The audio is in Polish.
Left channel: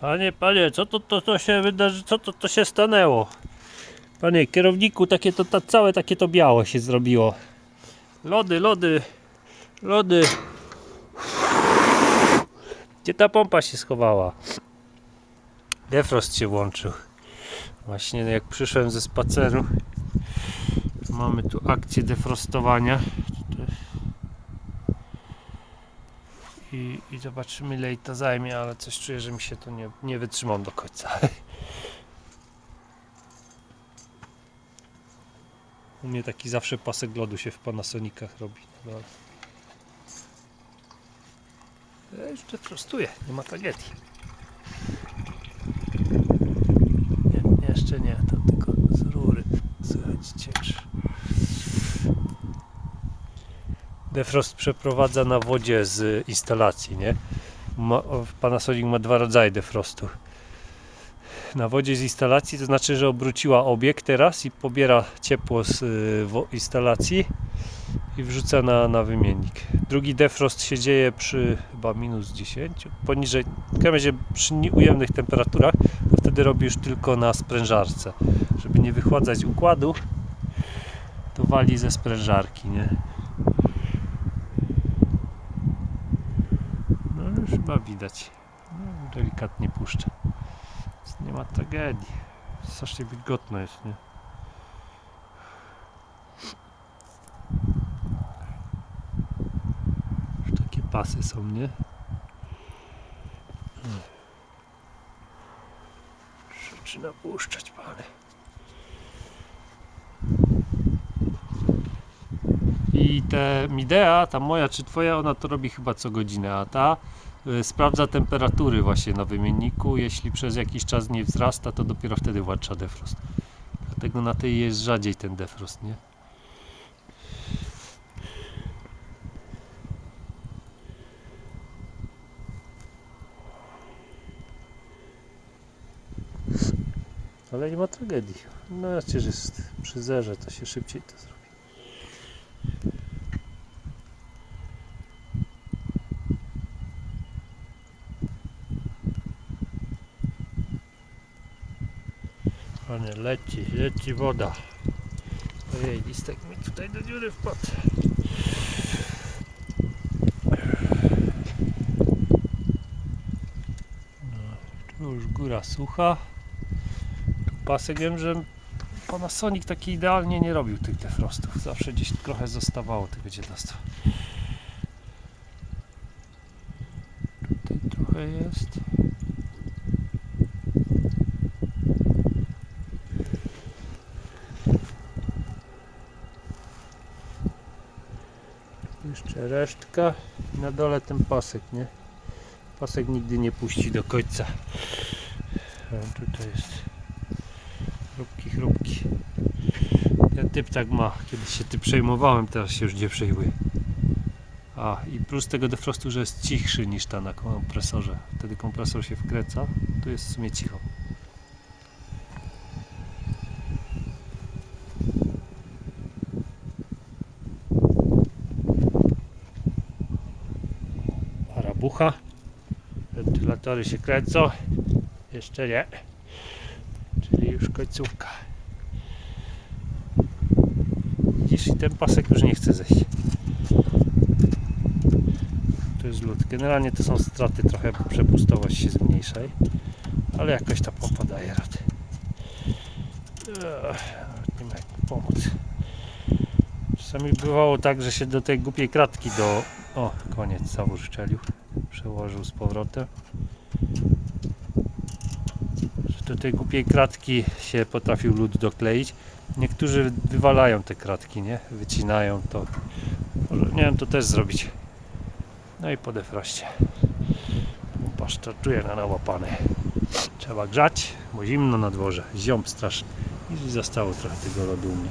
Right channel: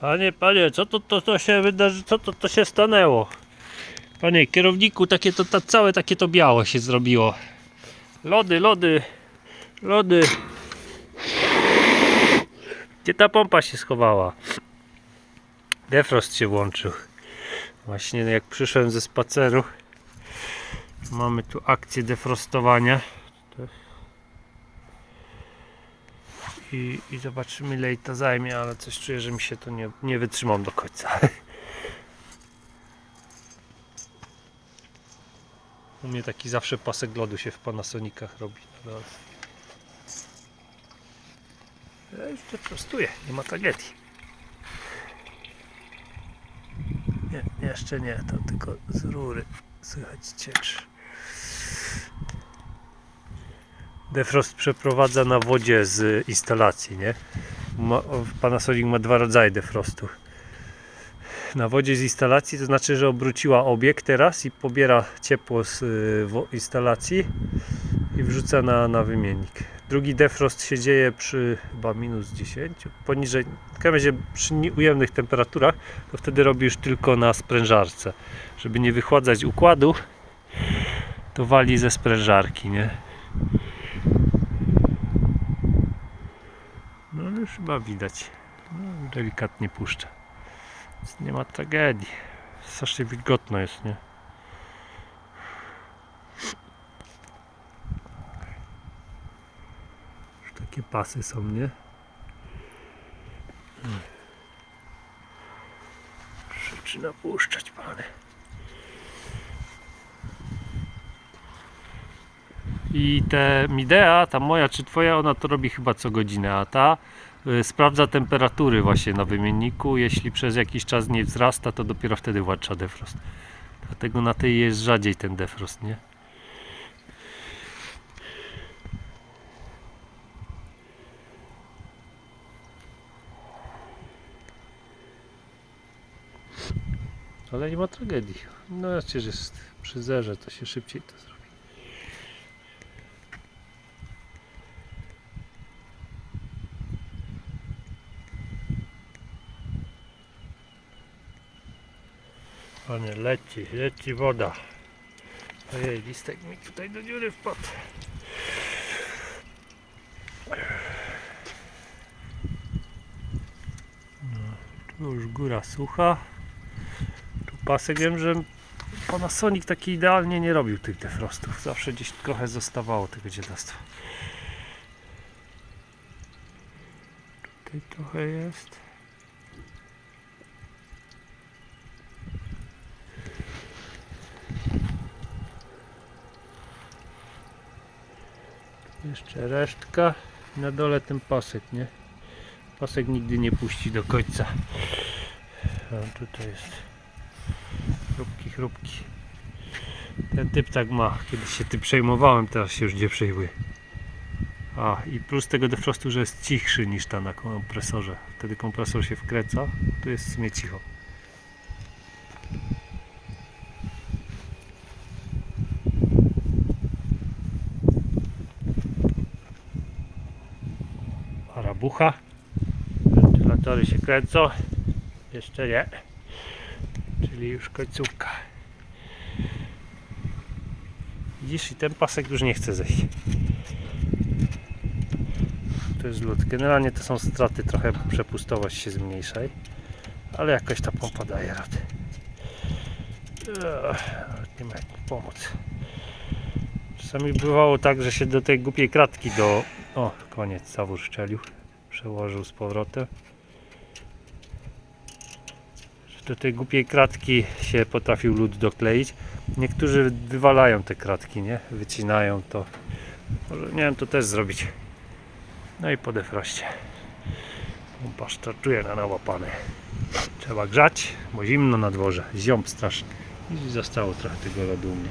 Panie, panie, co to, to, to się wydarzy, co to, to się stanęło? Panie kierowniku, takie to, to całe takie to biało się zrobiło. Lody, lody, lody. Gdzie ta pompa się schowała? Defrost się włączył. Właśnie jak przyszedłem ze spaceru, mamy tu akcję defrostowania. I, I zobaczymy ile to zajmie, ale coś czuję, że mi się to nie, nie wytrzymam do końca. U mnie taki zawsze pasek lodu się w Panasonicach robi. No. Ja już cię prostuję, nie ma tragedii. Nie, jeszcze nie, to tylko z rury słychać ciecz. Defrost przeprowadza na wodzie z instalacji, nie? Ma, Panasonic ma dwa rodzaje defrostu. Na wodzie z instalacji to znaczy, że obróciła obieg teraz i pobiera ciepło z y, instalacji i wrzuca na, na wymiennik. Drugi defrost się dzieje przy chyba minus 10, poniżej, w każdym razie przy ujemnych temperaturach, to wtedy robisz tylko na sprężarce. Żeby nie wychładzać układu, to wali ze sprężarki, nie? No chyba widać. No, delikatnie puszcza. Więc nie ma tragedii. Strasznie wilgotno jest, nie? Już takie pasy są, nie? Zaczyna puszczać, panie. I te Midea, ta moja czy twoja, ona to robi chyba co godzinę, a ta sprawdza temperatury właśnie na wymienniku. Jeśli przez jakiś czas nie wzrasta, to dopiero wtedy włącza defrost. Dlatego na tej jest rzadziej ten defrost, nie? Ale nie ma tragedii. No przecież jest przy zerze, to się szybciej to zrobi. Panie, leci, leci woda. Ojej, listek mi tutaj do dziury wpadł. No, tu już góra sucha. Tu pasek wiem, że Panasonic taki idealnie nie robił tych defrostów. Zawsze gdzieś trochę zostawało tego dzielactwa. Tutaj trochę jest. Jeszcze resztka. Na dole ten pasek, nie? Pasek nigdy nie puści do końca. A tutaj jest chrupki, chrupki. Ten typ tak ma. Kiedyś się tym przejmowałem, teraz się już nie przejmuję. A i plus tego defrostu, że jest cichszy niż ta na kompresorze. Wtedy kompresor się wkręca, tu jest w sumie cicho. Arabucha. Wentylatory się kręcą. Jeszcze nie. Czyli już końcówka. Widzisz, i ten pasek już nie chce zejść. To jest lód. Generalnie to są straty, trochę przepustowość się zmniejsza. Ale jakoś ta pompa daje radę. Ech, nie ma jak pomóc. Czasami bywało tak, że się do tej głupiej kratki do... O, koniec, zawór szczelił. Przełożył z powrotem. Do tej głupiej kratki się potrafił lód dokleić. Niektórzy wywalają te kratki, nie? Wycinają to. Może, wiem, to też zrobić. No i po defroście. Startuje na nałapane. Trzeba grzać, bo zimno na dworze. Ziąb straszny. I zostało trochę tego lodu u mnie.